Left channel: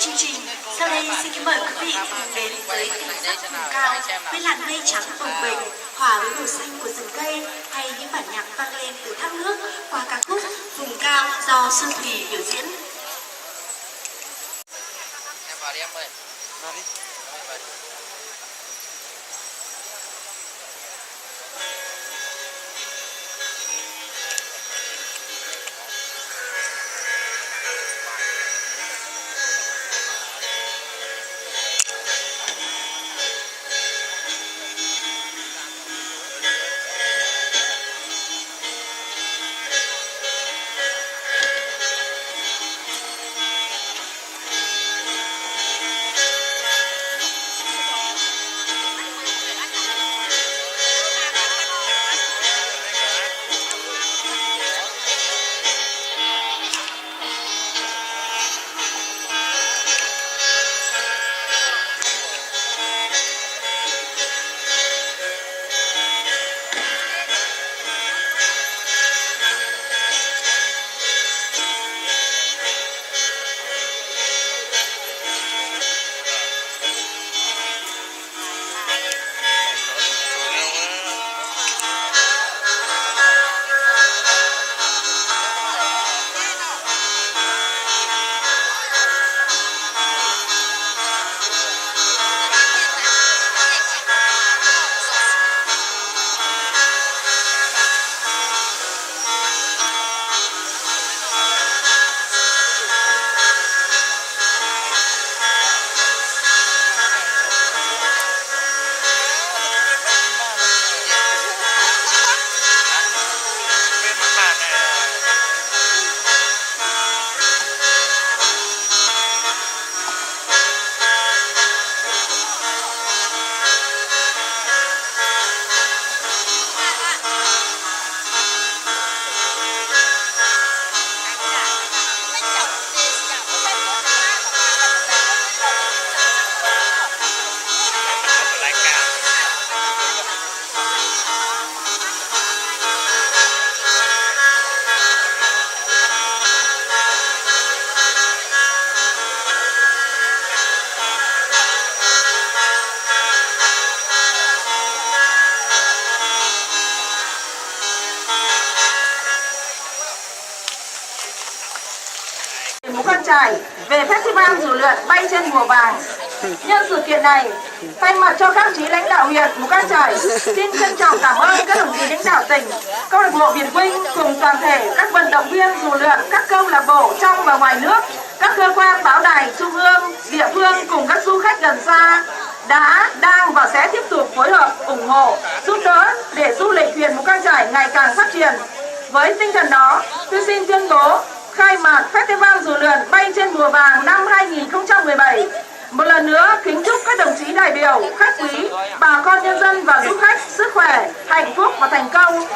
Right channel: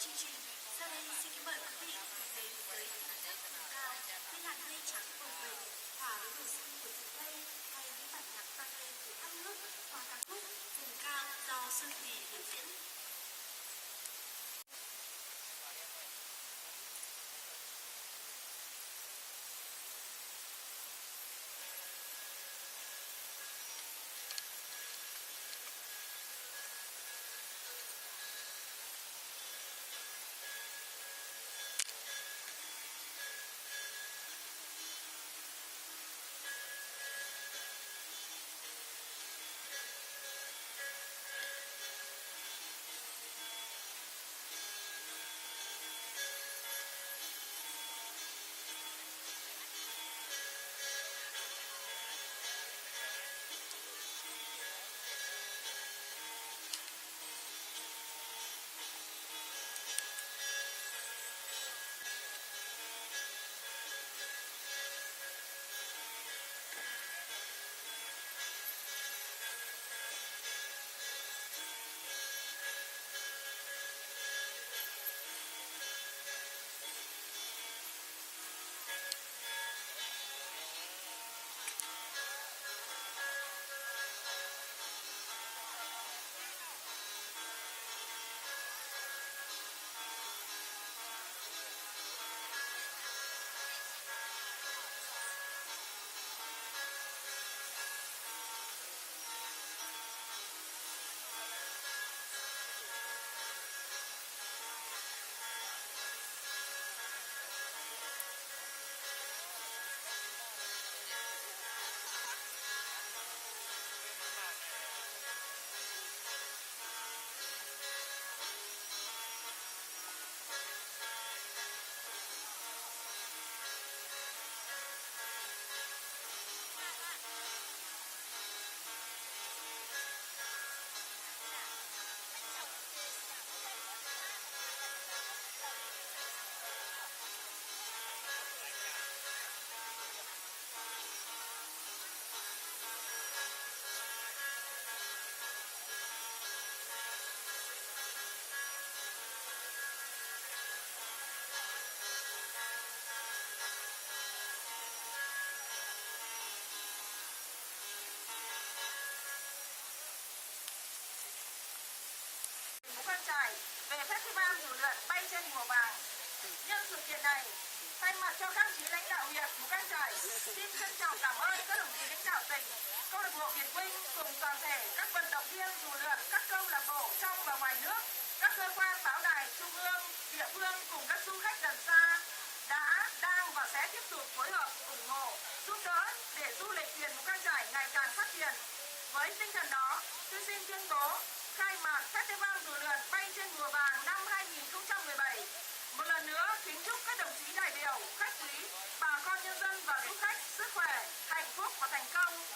chương trình. Sau đây xin kính mời quý vị cùng đến với cảnh sắc vùng cao với làn mây trắng bồng bềnh hòa với màu xanh của rừng cây, hay những bản nhạc vang lên từ thác nước qua ca khúc Vùng Cao do Xuân Thủy biểu diễn. Em vào đi em ơi. Vào đi. Mù Căng Chải về Festival dù lượn bay trên mùa vàng. Nhân sự kiện này, thay mặt cho các chí lãnh đạo huyện Mù Căng Chải, xin trân trọng cảm ơn các đồng chí lãnh đạo tỉnh, câu lạc bộ Việt Vinh cùng toàn thể các vận động viên dù lượn, các câu lạc bộ trong và ngoài nước, các cơ quan báo đài trung ương, địa phương cùng các du khách gần xa đã, đang và sẽ tiếp tục phối hợp, ủng hộ, giúp đỡ để du lịch huyện Mù Căng Chải ngày càng phát triển. Với tinh thần đó, tôi xin tuyên bố khai mạc Festival dù lượn bay trên mùa vàng năm 2017. Một lần nữa kính chúc các đồng chí đại biểu, khách quý, bà con nhân dân và du khách sức khỏe, hạnh phúc và thành công.